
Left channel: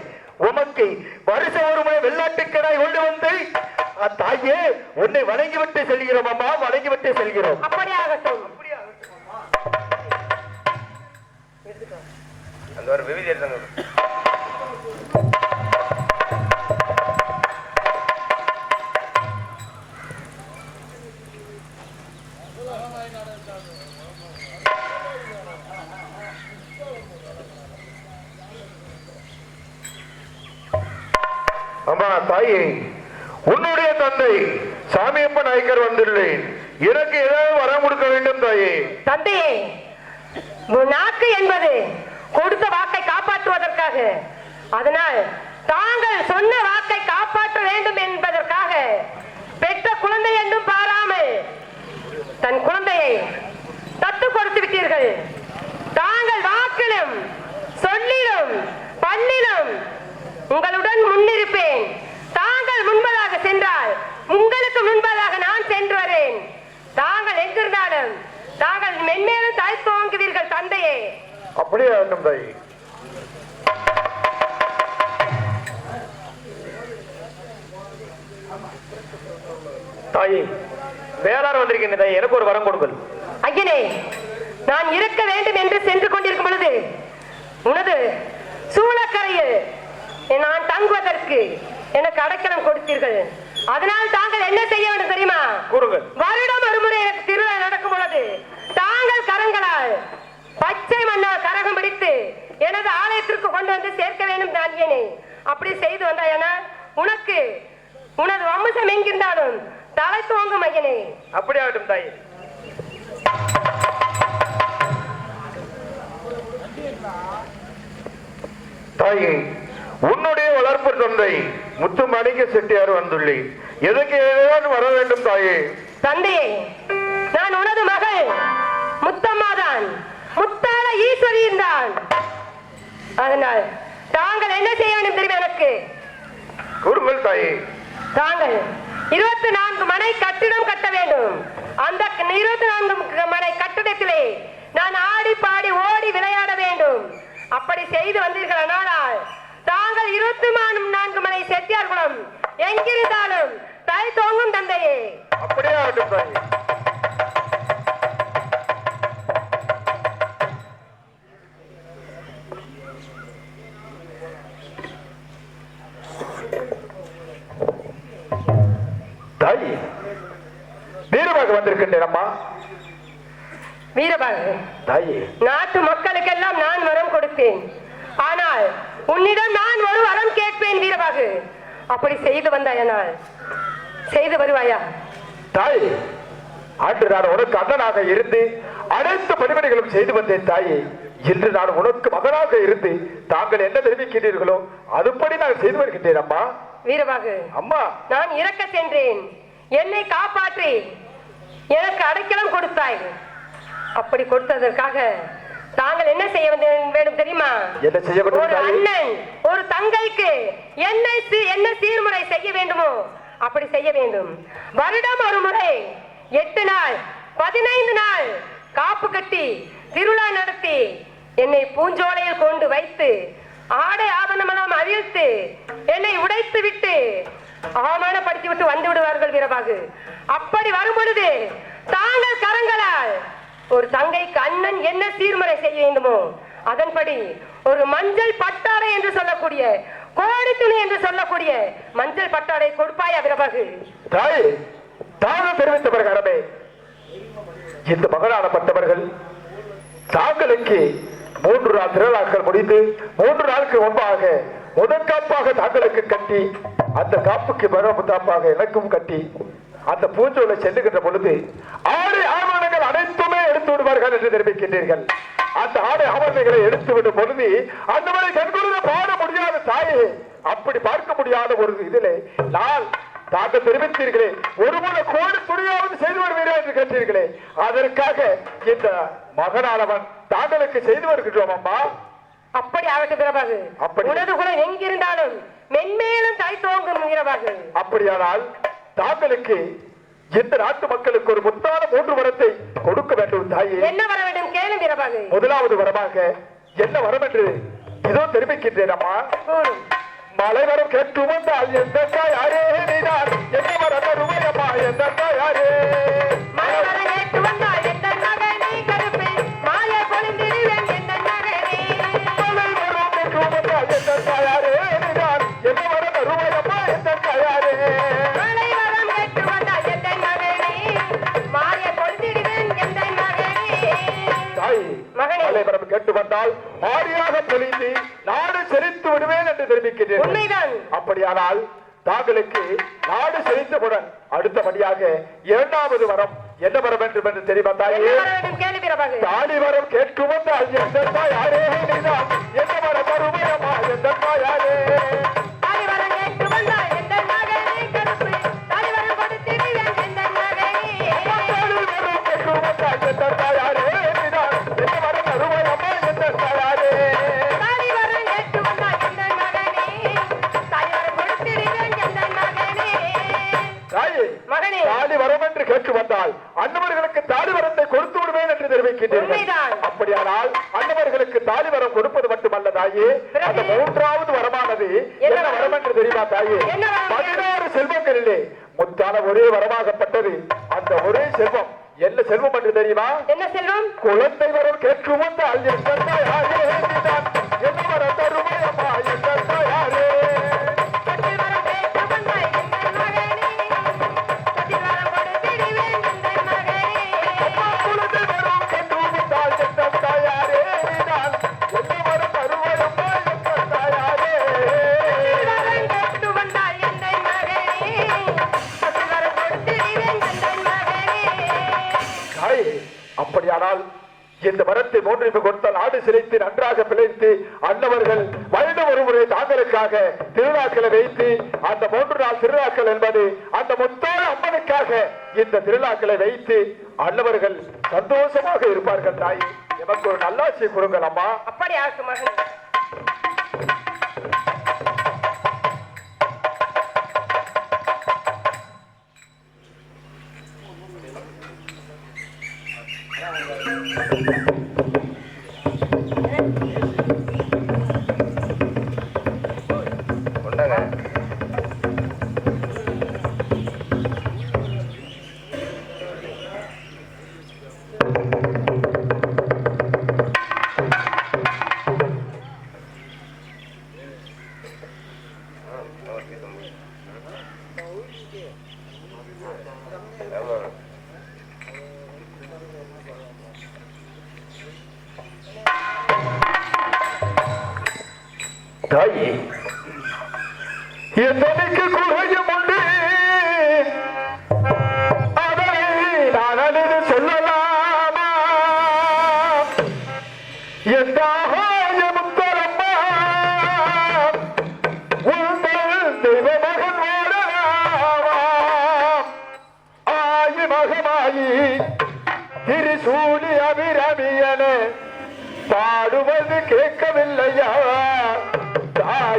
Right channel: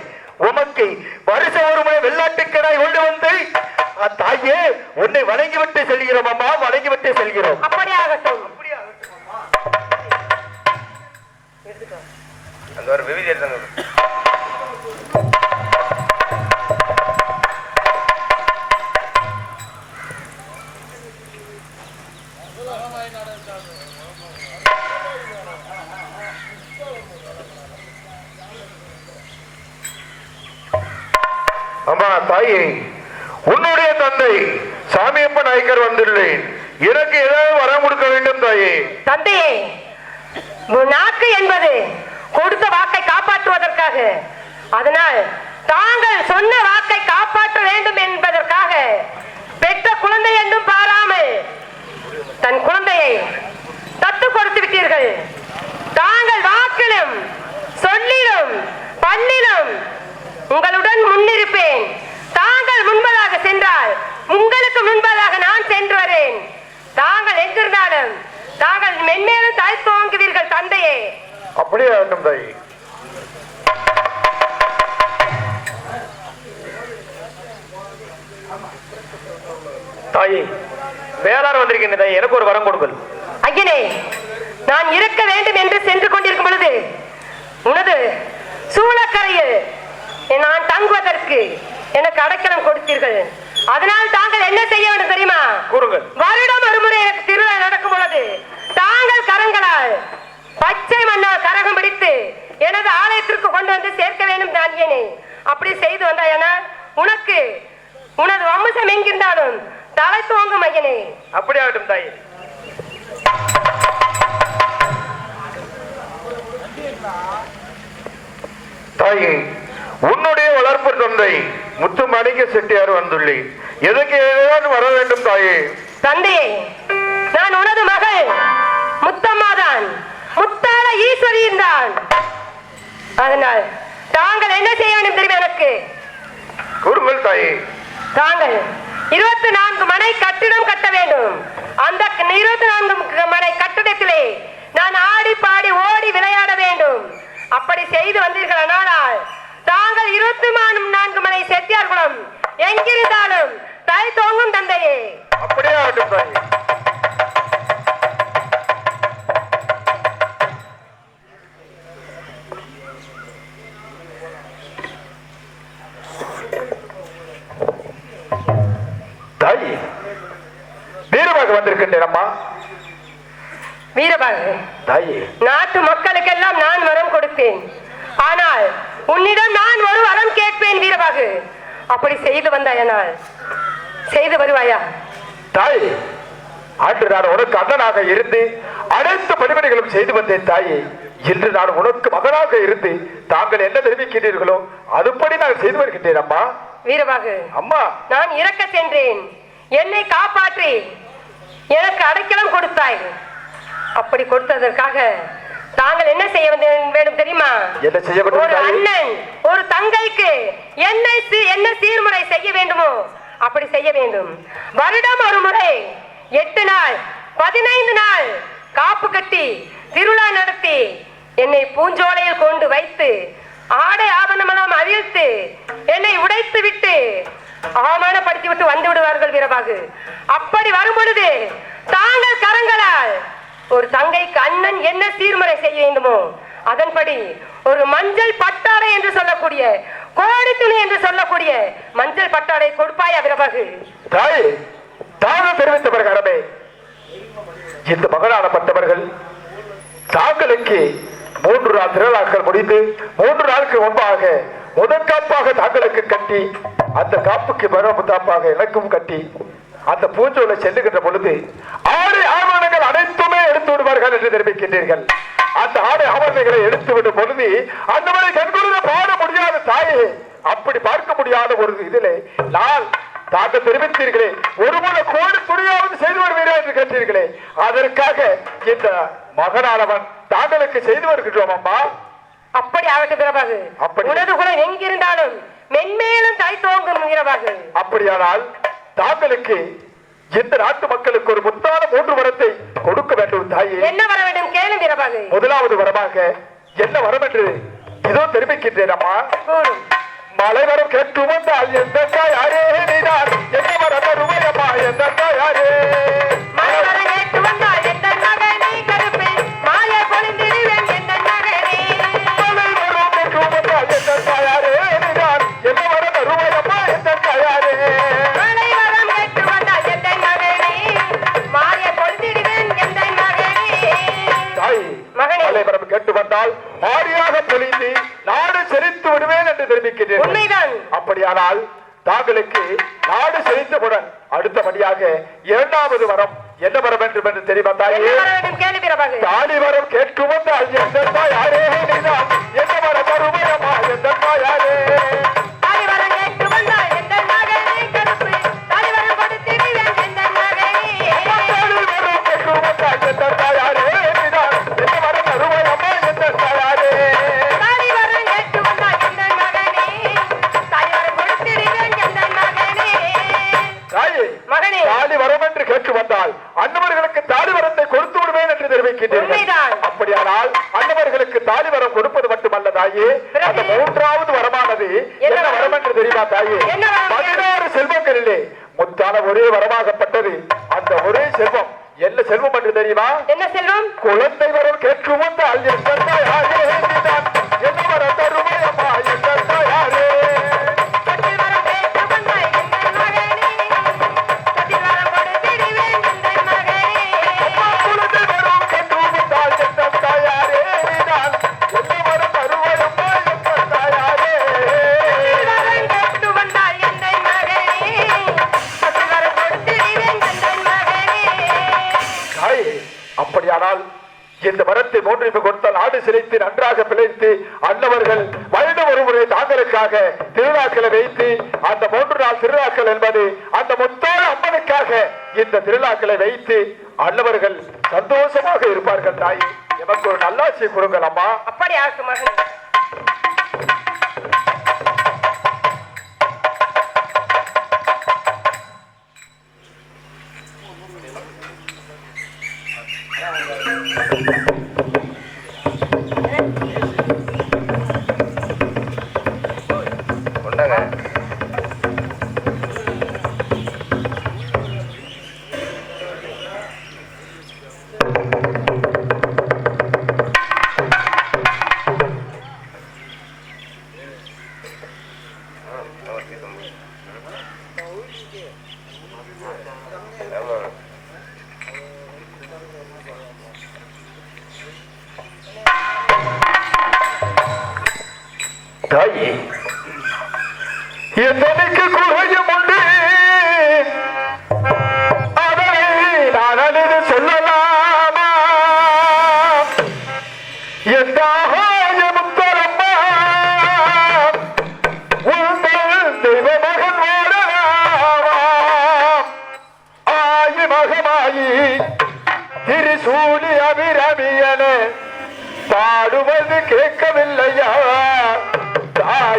உமக்கு வருஷம் ஒரு முறை வெள்ளாட்டுக்கடாய் கொண்டு வந்து தாயே உன்னை வணங்கிவிட்டு செல்கிறோம். அம்மா, வணங்கிவிட்டு செல்கிறோம். அப்படியாகட்டும். அந்த ஒரு விவிதி எடுத்தாங்க. அம்மா தாயே, உன்னுடைய தந்தை சாமியப்ப நாயக்கர் வந்துள்ளேன், எனக்கு ஏதாவது வரம் கொடுக்க வேண்டும் தாயே. தந்தையே, நாக்கு என்பது கொடுத்த வாக்கை காப்பாற்றுவதற்காக, அதனால் தாங்கள் சொன்ன வாக்கை காப்பாற்ற வேண்டும் என்பதற்காக பெற்ற குழந்தை என்றும் பாராமல் தன் குழந்தையை தத்து கொடுத்து விட்டீர்கள். தாங்கள் வாக்கிலும் சொல்லிலும் பண்ணிலும் உங்களுடன் முன்னிருப்பேன். தாங்கள் முன்பதாக சென்றால் உங்களுக்கு முன்பதாக நான் சென்று வரேன். தாங்கள் எங்கிருந்தாலும் தாங்கள் மென்மேலும் தாய் துவங்குவீர்கள் தந்தையே. அப்படியே ஆகட்டும் தாயே. தாயே, வேளாண் வந்திருக்கின்ற தாயே, எனக்கு ஒரு வரம் கொடுங்கள். ஐயனே, நான் இருக்க வேண்டும் என்று சென்று கொண்டிருக்கும் பொழுது உனது சூளக்கரையில் நான் தங்குவதற்கு எனக்கு அடைக்கலம் கொடுத்தீர்கள். அதனால் தாங்கள் என்ன செய்ய வேண்டும் தெரியுமா? கூறுங்கள். வருடம் ஒரு முறை எனக்கு திருவிழா நடக்கும் பொழுது தாங்கள் கரங்களால் பச்சை மண்ணால் கரகம் பிடித்து எனது ஆலயத்திற்கு கொண்டு வந்து சேர்க்க வேண்டும் தானியனே. அப்படி செய்து வந்தாயனால் உனக்கு உனது வம்சம் எங்கிருந்தாலும் தலை துவங்கும் ஐயனே. அப்படி ஆகட்டும் தாயே. தாயே, உன்னுடைய வளர்ப்பு தந்தை முத்துமாணிக்க செட்டியார் வந்துள்ளேன், எதற்கு ஏதாவது வர வேண்டும் தாயே? தந்தையே, நான் உனது மகள் முத்தம்மாதான், முத்தாள ஈஸ்வரியின் தான். அதனால் தாங்கள் என்ன செய்ய வேண்டும் தெரியும் எனக்கு? கூறுங்கள் தாயே. தாங்கள் 24 மனை கட்டிடம் கட்ட வேண்டும். அந்த 24 மனை கட்டிடத்திலே நான் ஆடி பாடி ஓடி விளையாட வேண்டும். அப்படி செய்து வந்தீர்களானால் தாங்கள் 24 மனை செட்டியார் குளம் எங்கிருந்தாலும் தலை தோங்கும் தந்தையே. அப்படியே ஆகட்டும் தாயே. தாயே, வீரமாக வந்திருக்கின்றேன் அம்மா. வீரபாகு, தாயே, நாட்டு மக்களுக்கெல்லாம் நான் வரம் கொடுப்பேன். ஆனால் உன்னிடம் நான் ஒரு வரம் கேட்பேன் வீரபாகு. அப்படி செய்து வந்தாயனால் செய்து வருவாயா? தாயே, ஆண்டு நான் உனக்கு அண்ணனாக இருந்து அனைத்து பணிமனைகளும் செய்து வந்தேன் தாயே. இன்று நான் உனக்கு மகனாக இருந்து தாங்கள் என்ன தெரிவிக்கிறீர்களோ அதுபடி நான் செய்து வருகின்றேன் அம்மா. வீரபாகு, அம்மா, நான் இறக்க சென்றேன், என்னை காப்பாற்றி எனக்கு அடைக்கலம் கொடுத்தாய். அப்படி கொடுத்ததற்காக தாங்கள் என்ன செய்ய வேண்டும் தெரியுமா? என்ன செய்ய வேண்டும்? ஒரு அண்ணன் ஒரு தங்கைக்கு என்ன சீர்முறை செய்ய வேண்டுமோ அப்படி செய்ய வேண்டும். வருடம் ஒரு முறை 8 நாள் 15 நாள் காப்பு கட்டி திருவிழா நடத்தி என்னை பூஞ்சோலையில் கொண்டு வைத்து ஆடை ஆபரணமெல்லாம் அவிழ்த்து என்னை உடைத்து விட்டு அவமானப்படுத்தி விட்டு வந்து விடுவார்கள் வீரபாகு. அப்படி வரும் பொழுது தாங்கள் கரங்களால் ஒரு தங்கைக்கு அண்ணன் என்ன சீர்முறை செய்ய வேண்டுமோ அதன்படி ஒரு மஞ்சள் பட்டாடை என்று சொல்லக்கூடிய கோடி துணி என்று சொல்லக்கூடிய மஞ்சள் பட்டாடை கொடுப்பாயா வீரபாகு? தாய், தாங்கள் தெரிவித்த பிரகாரமே இந்த மகனானப்பட்டவர்கள் தாங்களுக்கு 3 நாள் திருவிழாக்கள் முடிந்து 3 நாளுக்கு முன்பாக முதற்காப்பாக தாங்களுக்கு கட்டி அந்த காப்புக்கு மறுமுத்தாப்பாக எனக்கும் கட்டி அந்த பூஞ்சோலை செல்லுகின்ற பொழுது ஆடை ஆவணங்கள் அனைத்துமே எடுத்து விடுவார்கள் என்று தெரிவிக்கின்றீர்கள். அந்த ஆடை ஆவணங்களை எடுத்து விடும் பொழுது அந்த மாதிரி கண்குளிர பாட முடியாத தாயே, அப்படி பார்க்க முடியாத ஒரு இதிலே நான் தாங்கள் தெரிவித்தீர்களே ஒரு முறை கோடி துணியாவது செய்து வருவீரா என்று கேட்டீர்களே, அதற்காக இந்த மகனானவன் தாங்களுக்கு செய்து வருகின்றோம் அம்மா. அப்படி ஆகட்டும் வீரபாகு. உனது குலம் எங்கிருந்தாலும் மென்மேலும் தாய் தோங்கும் வீரபாகு. அப்படியானால் தாங்களுக்கு இந்த நாட்டு மக்களுக்கு ஒரு முத்தான 3 வரத்தை கொடுக்க வேண்டும் தாயே. என்ன வர வேண்டும் கேளு வீரபாகு. முதலாவது வரமாக என்ன வரம் என்று இதோ தெரிவிக்கின்றேன் அம்மா. மலை வரம் கேட்டு வந்தால் எந்த யாரே நீதான் என்ன வரம் தருமையம்மா எந்த யாரே மலை வரம் கேட்டு வந்தால் எந்த நகனே கருப்பே மாலை பொழிந்திடுவேன் எந்த நகனே மலை வரம் கேட்டு வந்தால் எந்த யாரே நீதான் என்ன வரம் தருமையம்மா எந்த யாரே மலை வரம் கேட்டு வந்தால் எந்த நகனே மாலை பொழிந்திடுவேன் எந்த நகனே. தாய், மகனே, மலை வரம் கேட்டு வந்தால் ஆடியாக பொழிந்து நாடு செழித்து விடுவேன் என்று தெரிவிக்கிறேன். உண்மைதான். அப்படியானால் தாங்களுக்கு நாடு செழித்தவுடன் அடுத்தபடியாக 2வது வரம் என்ன வரம் என்று தெரியுமா தாயே? என்ன வர வேண்டும் கேளு வீரபாகு. தாலி வரம் கேட்கும் வந்தால் எந்த யாரே நீதான் என்ன வரம் தருமையம்மா எந்த யாரே தாலி வரம் கேட்டு வந்தால் எந்த நகனே கருப்பே தாலி வரம் கொடுத்திடுவேன் எந்த நகனே தாலி வரம் கேட்கும் வந்தால் எந்த யாரே நீதான் என்ன வரம் தருமையம்மா எந்த யாரே தாலி வரம் கேட்டு வந்தால் எந்த நகனே தாலி வரம் கொடுத்திடுவேன் எந்த நகனே. தாயே, மகனே, தாலி வரம் என்று கேட்டு வந்தால் அன்னவர்களுக்கு தாலி வரத்தை கொடுத்து விடுவேன் என்று தெரிவிக்கின்றீர்கள். உண்மைதான். அப்படியானால் அன்னவர்களுக்கு தாலி வரம் கொடுப்பது மட்டுமல்ல தாயே, அந்த 3வது வரமானது என்ன வரம் என்று தெரியுமா தாயே? என்ன வரம்? 16 செல்வங்களிலே முத்தான ஒரே வரமாகப்பட்டது அந்த ஒரே செல்வம் என்ன செல்வம் என்று தெரியுமா? என்ன செல்வம்? குழந்தை வரம் கேட்கு வந்தால் எந்த யாரே நீதான் என்ன வரம் தருமையம்மா எந்த யாரே கட்டில் வரம் கேட்டு வந்தால் எந்த நகனே கட்டில் வரம் கொடுத்திடுவேன் எந்த நகனே. குழந்தை வரம் கேட்கு வந்தால் எந்த யாரே நீதான் என்ன வரம் தருமையம்மா எந்த யாரே கட்டில் வரம் கேட்டு வந்தால் எந்த நகனே கட்டில் வரம் கொடுத்திடுவேன் எந்த நகனே. தாயே, அப்படியானால் இந்த வரத்தை 3 கொடுத்த நாடு சிலைத்து நன்றாக பிழைத்து அன்னவர்கள் வருடம் ஒரு முறை தாங்களுக்காக திருவிழாக்களை வைத்து அந்த 3 நாள் திருவிழாக்கள் என்பது அந்த முத்தான அம்மனுக்காக இந்த திருவிழாக்களை வைத்து அன்னவர்கள் சந்தோஷமாக இருப்பார்கள். தாயே, எமக்கு ஒரு நல்லாட்சி கொடுங்கள் அம்மா. அப்படி ஆகும் மகனே. கொண்டாங்க. ஆமா. தாயே, என்னைக்கு குறையும் உண்டு அதை நான் அழுது சொல்லலாமா?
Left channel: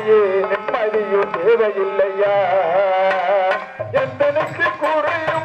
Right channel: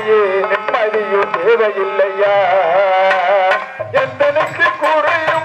இல்லையே நிம்மதியும் தேவையில்லையா எந்தனுக்கு குறையும்